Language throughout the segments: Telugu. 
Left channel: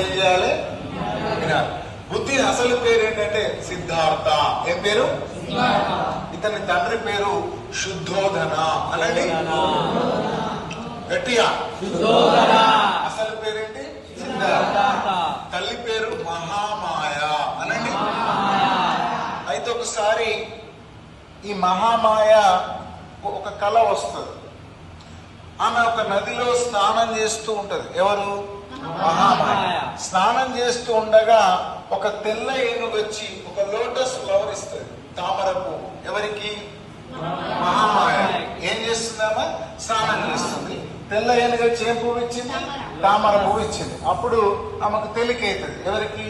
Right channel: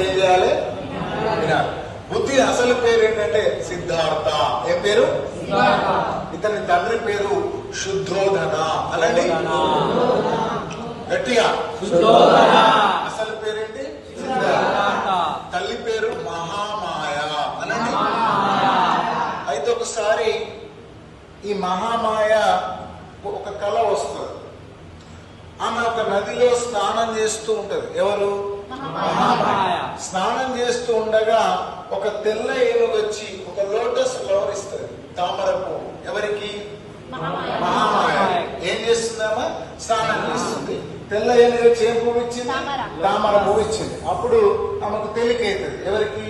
అప్పుడు ఏం చేయాలి? వినాలి. బుద్ధి అసలు పేరు ఏంటంటే సిద్ధార్థ. ఏం పేరు? ఇతని తండ్రి పేరు శుద్ధోధన అనండి. గట్టిగా. అసలు పేరేంటి? సిద్ధార్థ. తల్లి పేరు మహామాయ అనండి. అయితే ఒకసారి ఈ మహామాయ ఒక కళ వస్తుంది. ఆమె ఒక నదిలో స్నానం చేస్తూ ఉంటది. ఎవరు? స్నానం చేస్తూ ఉండగా ఒక తెల్ల ఏనుగు వచ్చి ఒక లోటస్ ఫ్లవర్ ఇస్తుంది తామర పువ్వు ఎవరికి మహామాయ ఏం చేస్తుందమ్మా? స్నానం చేస్తుంది. తెల్ల ఏనుగు వచ్చి ఏం పువ్వు ఇచ్చింది? తామర. పువ్వు ఇచ్చింది. అప్పుడు ఆమెకు తెలికైతుంది. ఎవరికి?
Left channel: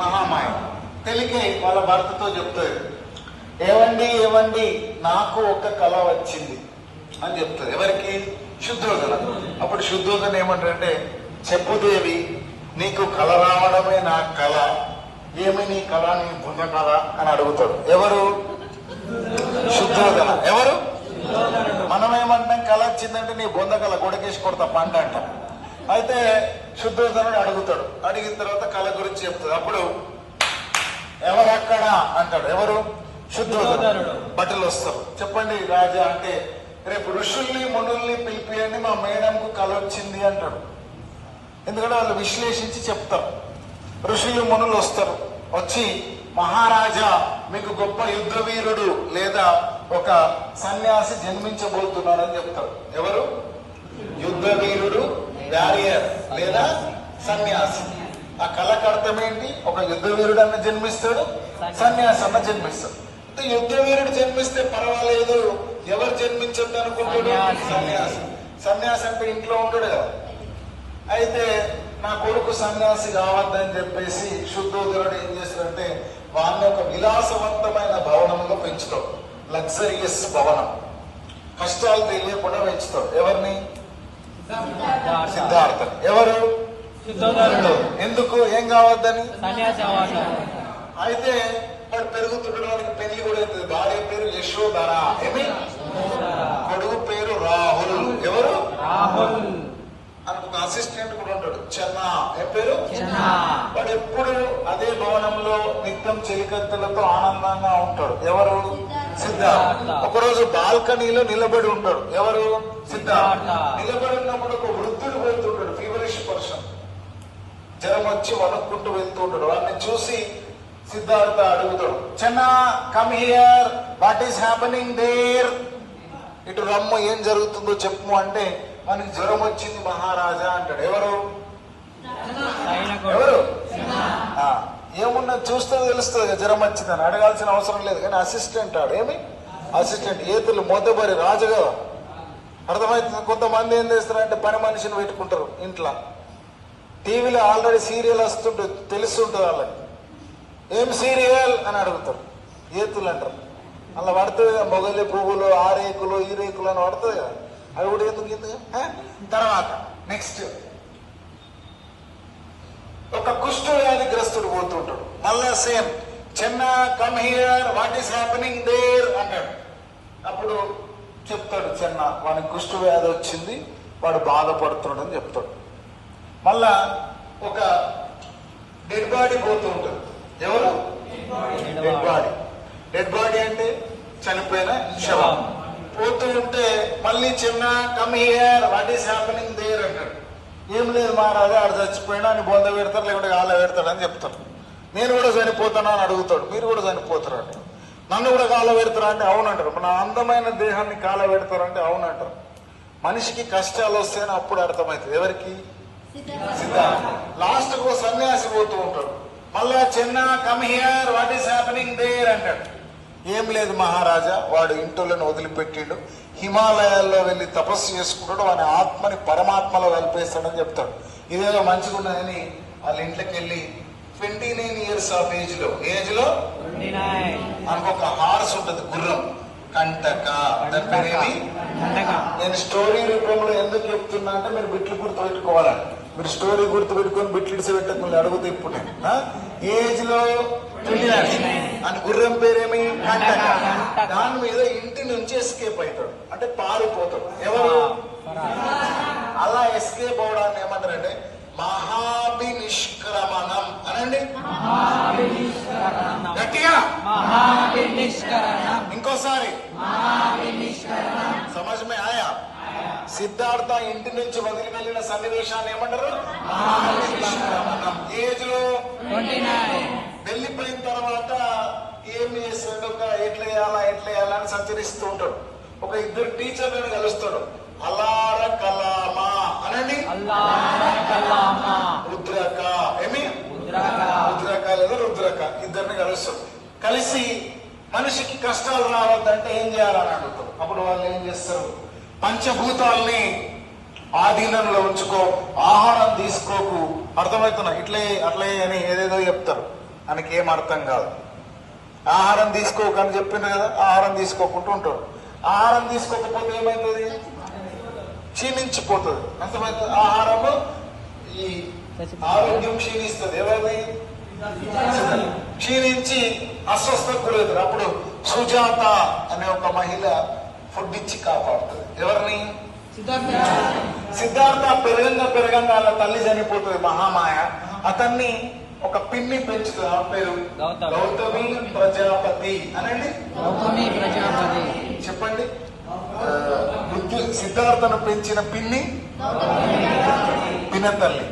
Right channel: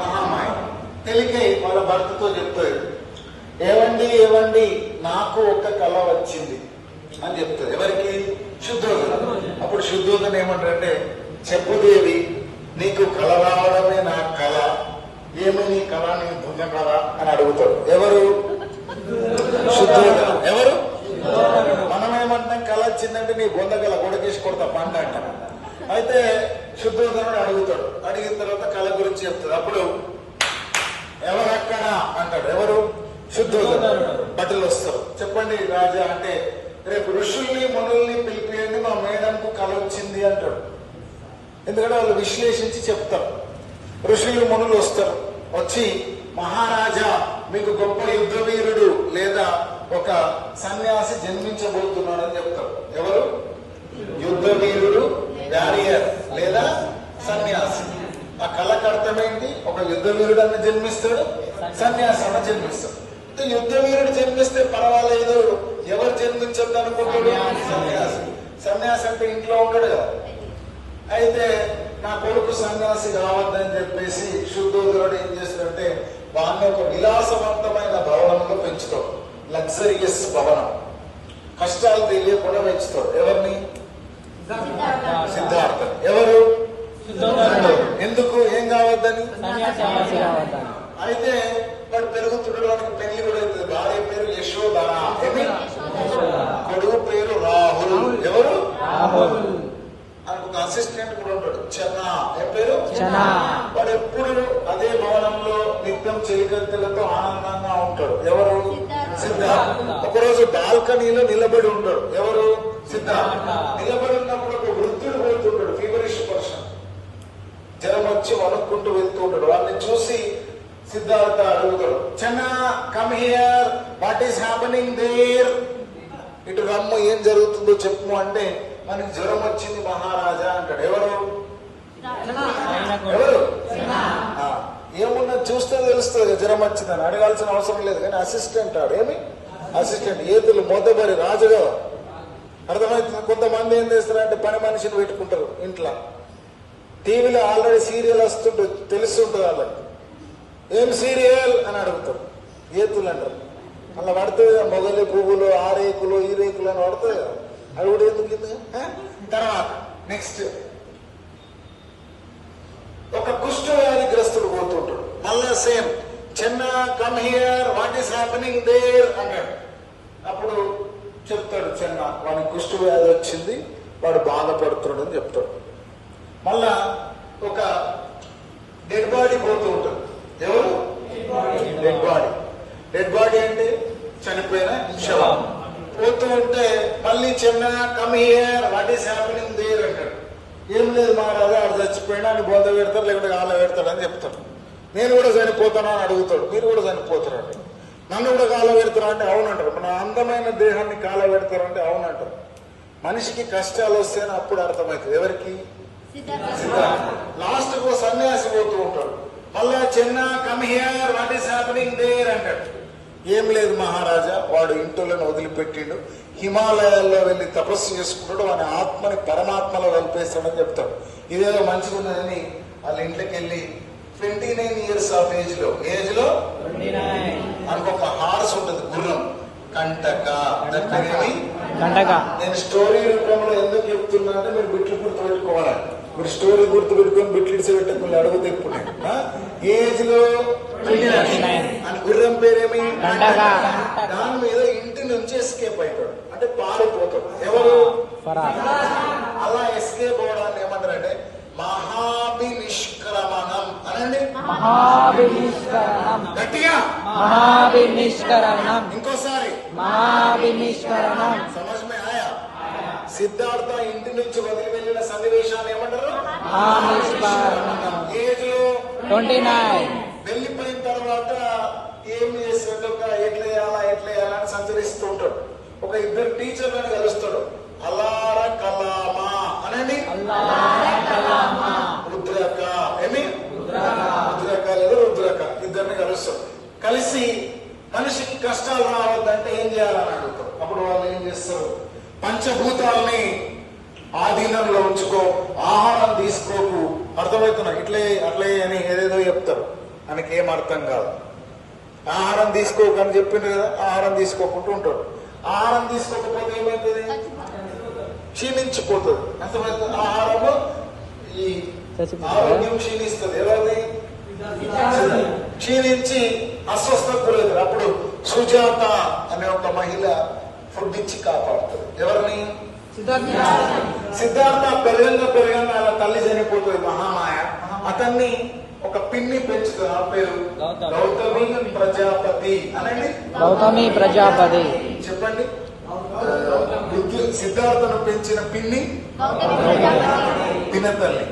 మహామాయ తెలికై వాళ్ళ భర్తతో చెప్తారు ఏవండి ఏవండి నాకు ఒక కళ వచ్చింది అని చెప్తారు ఎవరికి? శుద్ధోదన అప్పుడు శుద్ధోదన ఏమంటారంటే చెప్పుదేవి నీకు కళ రావడమే నా కళ ఏమి నీ కళ నీ బుద్ధ కళ అని అడుగుతారు ఎవరు? శుద్ధోదన ఎవరు? మనం ఏమంటున్నాం కళ వచ్చిందంటే నీ బొంద కళ కొడుకేసి కొడతా పంట అంటాం. అయితే శుద్ధోదనుడు అడుగుతాడు. అడిగిన తర్వాత కళ గురించి చెప్తాడు. అప్పుడు ఎవరు అక్కడ అంటాడు. ఎవరు? శుద్ధోదనుడు బట్టలు వస్తారు. చెప్పండి రాజా అంటే రేపు ఋషుల్ని మునుల్ని పిలిపియండి మా మేడంకు కళ వచ్చింది అంటాడు. ఎందుకంటే వాళ్ళు విశ్లేషించి చెప్తారు. ఋషులు మునులు వస్తారు. వచ్చి మహారాజా మీకు గొప్ప యుద్ధ వీరుడు లేదా ఒక సన్యాసి జన్మించబోతున్నాడు అని చెప్తారు. ఎవరు? యుద్ధ వీరుడు వారియర్ లేదా సన్యాసి. ఆ కళ్ళకి అర్థం ఏంటి ఒక యుద్ధ వీరుడు అన్న జన్మిస్తాడు సన్యాసి అన్న జన్మిస్తాడు. యుద్ధ వీరుడు జన్మిస్తే పర్వాలేదు. ఎవరు జన్మించద్దు అనుకుంటాడు సన్యాసి. సన్యాసి అంటే ఇంట్లో ఉండడు కదా. అయితే నా కొడుకు సన్యాసి కావద్దని చెప్పేసి శుద్ధోదరుడు ఏం చేస్తాడంటే వారిని ఒక విలాసవంతమైన భవనంలో పెంచుతాడు. లగ్జరియస్ భవనం. కష్టాలు తెలియకుండా పెంచుతాడు. ఎవరిని? సిద్ధార్థ. ఎవరు? ఎందుకు? ఏం కావద్దని? అయితే వాడు పెరుగుతుండడానికి పెళ్ళి కూడా అవుతుంది. భార్య పేరు యశోధర. ఏమి? కొడుకు పేరు రాహుల్. ఎవరు? ఒక అసిస్టెంట్ కూడా ఉంటాడు. చెన్న. ఏం పేరు? వాడు ఎప్పుడు అదే భవనంలో నిత్యం చెలికత్తెలతో ఆనందంగా ఉంటాడు. ఎవరు? సిద్ధార్థ ఒకరోజు బాల్కనీలో నిలబడి ఉంటాడు. ఎవరు? సిద్ధార్థ నిలబడి ఉన్నప్పుడు ఒక వృద్ధుడు వెళ్తుంటాడు ఫీవరిష్ పర్సన్ జనం వచ్చి వణుక్కుంటూ వెళ్తూ ఉంటాడు. వాళ్ళని చూసి సిద్ధార్థ అడుగుతాడు Chenna come here what is happening there ఇటు రమ్మ ఏం జరుగుతుందో చెప్పు అంటే మనకి జ్వరం వచ్చింది మహారాజా అంటాడు. ఎవరు? ఎవరు? ఏమున్నా చూస్తే తెలుస్తుంది జ్వరం జ్వరం వచ్చిందని. అడగాల్సిన అవసరం లేదు కానీ అసిస్టెంట్ ఆడు. ఏమి? అసిస్టెంట్ ఏతులు మొదబరి రాజు కదా అర్థమవుతుంది కొంతమంది ఏం చేస్తారంటే పని మనిషిని పెట్టుకుంటారు ఇంట్లో. టీవీలో ఆల్రెడీ సీరియల్ వస్తుంటుంది తెలుస్తుంటుంది వాళ్ళకి. ఏం సీరియల్? అని అడుగుతారు. ఏతులు అంటారు. అలా పడుతుంది కదా మొగలి పువ్వులు ఆ రేకులు ఈ రేకులు అని పడుతుంది కదా. తర్వాత నెక్స్ట్ ఒక కుష్ఠ వ్యాధిగ్రస్తుడు పోతుంటాడు. మళ్ళా same. Chinna come here what is happening there అంటాడు. అప్పుడు చెప్తాడు చిన్న వాడికి కుష్ఠ వ్యాధి వచ్చింది వాడు బాధపడుతున్నాడు అని చెప్తాడు. మళ్ళా ఒక డెడ్ బాడీ పోతూ ఉంటుంది ఎవరు? డెడ్ బాడీ డెడ్ బాడీ అంటే చనిపోయిన శవం. పోతూ ఉంటే మళ్ళీ Chinna come here what is happening there అంటాడు. ఏం లేదు మహారాజా ఆడు చచ్చిపోయినా అని బొంద పెడతారు లేకుంటే గాల పెడతాడు అని చెప్తాడు. నేను కూడా చనిపోతానా? అని అడుగుతాడు. మీరు కూడా చనిపోతారు అంటే నన్ను కూడా కాల పెడతారా? అంటే అవునంటారు. మన అందమైన దేహాన్ని కాల పెడతారంటే అవునంటారు. మనిషికి కష్టాలు వస్తేనే అప్పుడు అర్థమవుతుంది. ఎవరికి? లాస్ట్కు సన్యాసి పోతూ ఉంటాడు. మళ్ళా Chinna come here what is happening there అంటాడు. ఏం లేదు మహారాజా వాడు ఇంటులను వదిలిపెట్టిండు. హిమాలయాల్లో వెళ్ళి తపస్సు చేసుకుంటాడు వాడి ఆత్మని పరమాత్మలో వెళ్ళిపేస్తాడని చెప్తాడు. ఇదేదో మంచిగా ఉన్నదని వాళ్ళ ఇంట్లోకి వెళ్ళి ట్వంటీ నైన్ ఇయర్స్ ఆఫ్ ఏజ్లో ఏజ్లో? మనకు ఒక హార్స్ ఉంటుంది గుర్రం. కంటక. దాని పేరేమి నేను స్టోరీ రూపంలో ఎందుకు చెప్తున్నా అంటే మీరు బిట్లు గుర్తు పెట్టుకోవాలి మీరు స్టోరీ గుర్తు పెట్టుకుని బిట్లు ఇడిసి పెట్టకుండా అడుగుతా ఇప్పుడు? ఏజ్లో? 29. అని గుర్రం పేరేమి. దాని మీద ఇంటి నుంచి ఎస్కేప్ అవుతాడు అంటే పారిపోతాడు. ఎవరు? అలా ఎస్కేప్ అవడాన్ని ఏమంటారంటే మహాభినిష్క్ర నిష్క్రమణం అనండి గట్టిగా? ఇంకోసారి. సిద్ధార్థ ఇంటి నుంచి వదిలి వెళ్ళిన సన్నివేశాన్ని ఏమంటారు? ఏజ్లో వెళ్ళిపోయిన తర్వాత ఏం చేస్తాడు? ఒక ఎట్లా చేయాలా ఎట్లా చేయాలా అని సంచరిస్తూ ఉంటాడు. ఒక ఇద్దరు టీచర్లను కలుస్తాడు. అలార కలామా అనండి? రుద్రక. ఏమి? రుద్రక లేదా రుద్రక. ఇద్దరిని కలుస్తాడు. కలిసి మనిషికి కష్టాలు రావద్దంటే ఏం చేయాలని అడుగుతారు అప్పుడు వాళ్ళు ఏం చేస్తారు? పంచభూతాల్ని ఆధీనంలో ఉంచుకో ఆహారం తీసుకోకు. అర్థమవుతున్నా? ఇట్లే అట్లే అని ఏదేదో చెప్తారు. మనకి ఏం అర్థం కాదు. ఆహారం తీసుకోకు అని చెప్పిండ్రు కదా ఆహారం తీసుకోకుండా ఉంటాడు. ఆహారం తీసుకోకపోతే ఏమైతుంది? క్షీణించిపోతుంది. అర్థమవుతుంది? ఆహారము ఈ ఆరోగ్యం క్షీణిస్తుంది. ఎవరిది? క్షీణించి అస్వస్థకు గురవుతారు. అప్పుడు సుజాత అనే ఒక మహిళ ఇచ్చి కాపాడుతుంది. ఎవరిని? సిద్ధార్థ. పెరగంగా పెరగంగా ఆయన తల్లి చనిపోతుంది మహామాయ. అతన్ని ఒక పిన్ని పెంచుతుంది. ఆ పేరు గౌతమి. ప్రజాపతి. అనండి? గౌతమి ప్రజాపతి. చెప్పండి. బుద్ధు సిద్ధార్థను పెంచిన పిన్ని? పినతల్లి.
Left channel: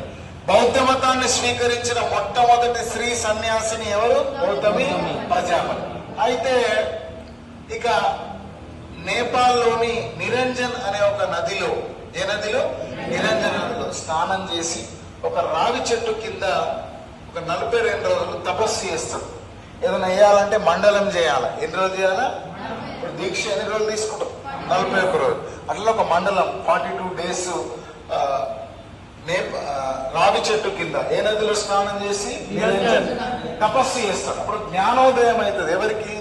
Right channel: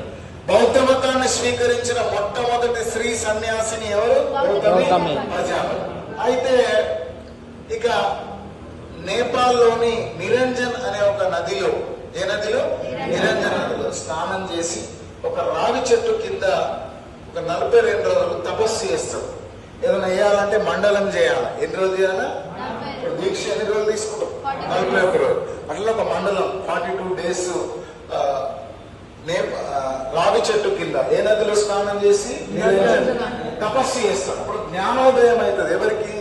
బౌద్ధ మతాన్ని స్వీకరించిన మొట్టమొదటి స్త్రీ సన్యాసిని ఎవరు? గౌతమి. ప్రజాపతి. అయితే ఇక నేపాల్లోని నిరంజన్ అనే ఒక నదిలో ఏ నదిలో? నిరంజన్ నదిలో స్నానం చేసి ఒక రావి చెట్టు కింద ఒక నలభై రెండు రోజులు తపస్సు చేస్తాడు ఏదైనా వేయాలంటే మండలం చేయాలి. ఎన్ని రోజులు చేయాలా? ఇప్పుడు దీక్ష ఎన్ని రోజులు తీసుకుంటాం? నలభై ఒక్క రోజులు. అట్లా ఒక మండలం ఫార్టీ టూ డేస్ రావి చెట్టు కింద. ఏ నదిలో స్నానం చేసి? తపస్సు చేస్తాడు అప్పుడు జ్ఞానోదయం అవుతుంది. ఎవరికి?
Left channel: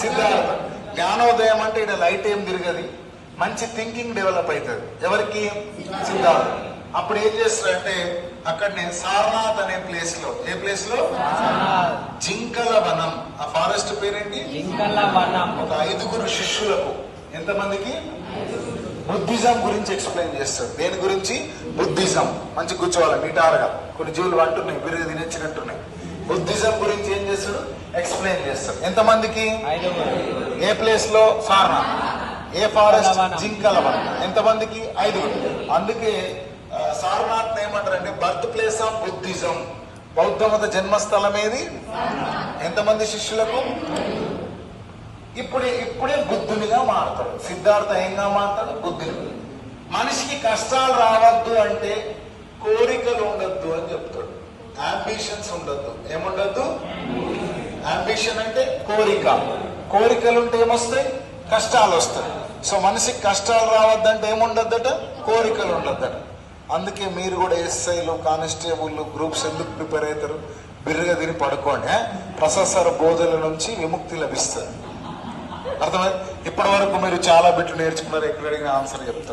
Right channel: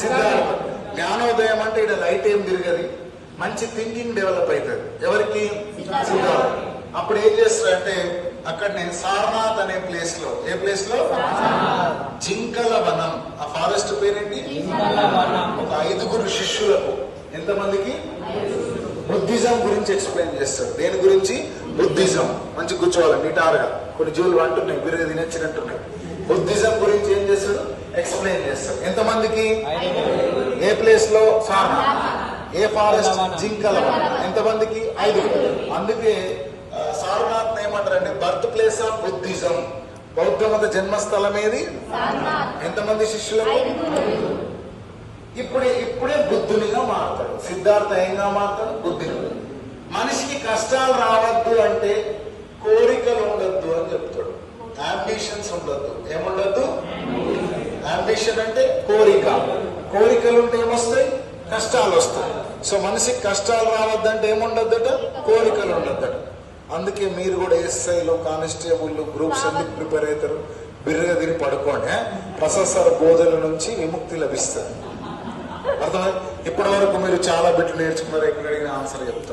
సిద్ధార్థ జ్ఞానోదయం అంటే ఇక్కడ లైట్ ఏం తిరగది. మంచి థింకింగ్ డెవలప్ అవుతుంది ఎవరికి? సిద్ధార్థ అప్పుడు ఏం చేస్తారంటే అక్కడనే సారనాథ్ అనే ప్లేస్లో ఏ ప్లేస్లో? జింకల వనం. ఆ ఫారెస్ట్ పేరేంటి? ఒక ఐదుగురు శిష్యులకు. ఎంతమందికి? బుద్ధిజం గురించి ఎక్స్ప్లెయిన్ చేస్తాడు దేని గురించి? బుద్ధిజం. మంచి కూర్చోవాలి నిటారుగా. కొన్ని జీవులు అంటున్నాయి వీరు తినచ్చినట్టున్నాయి బుద్ధిజం గురించి ఏం చేస్తాడు ఎక్స్ప్లెయిన్ చేస్తాడు ఎంతమందికి? ఏ ప్లేస్లో సారనాథ్ ఏ ఫారెస్ట్ జింకల ఎంతమందికి? ఐదుగురు అందుకే సారనాథ్ ఏమంటారంటే బర్త్ ప్లేస్ ఆఫ్ బుద్ధిజం బౌద్ధ మత జన్మస్థలం ఏది? ఎంతమంది శిష్యులకు? ఇప్పుడే ఇప్పుడే బుద్ధునిగా మారుతాడు. సిద్ధార్థ ఏంగా మారుతాడు? బుద్ధుని మనిషికి కష్టాలు రావద్దు అంటే కోరికలు ఉండొద్దు అని చెప్తాడు. అంబిషన్స్ ఉండొద్దు. ఏముండొద్దు? అంబిషన్ అంటే కోరిక. కోరికలు ఉంటే ఏమొస్తాయి? కష్టాలు వస్తాయి సో మనిషికి కష్టాలు రావద్దంటే ఏముండద్దట? కోరికలు ఉండద్దట అందుకే మీరు కూడా ఎస్ఐలు కానిస్టేబుల్ గ్రూప్స్ ఎందుకు ప్రిపేర్ అవుతారు? బిర్రగా తిని పడుకోండి ఆ? బోధల నుంచి విముక్తి లభిస్తుంది. అర్థమైంది? ఇప్పటి వరకు మీరు చాలా బిట్లు నేర్చుకున్నారు ఎక్కడ అడిగిన ఆన్సర్ చెప్తారు.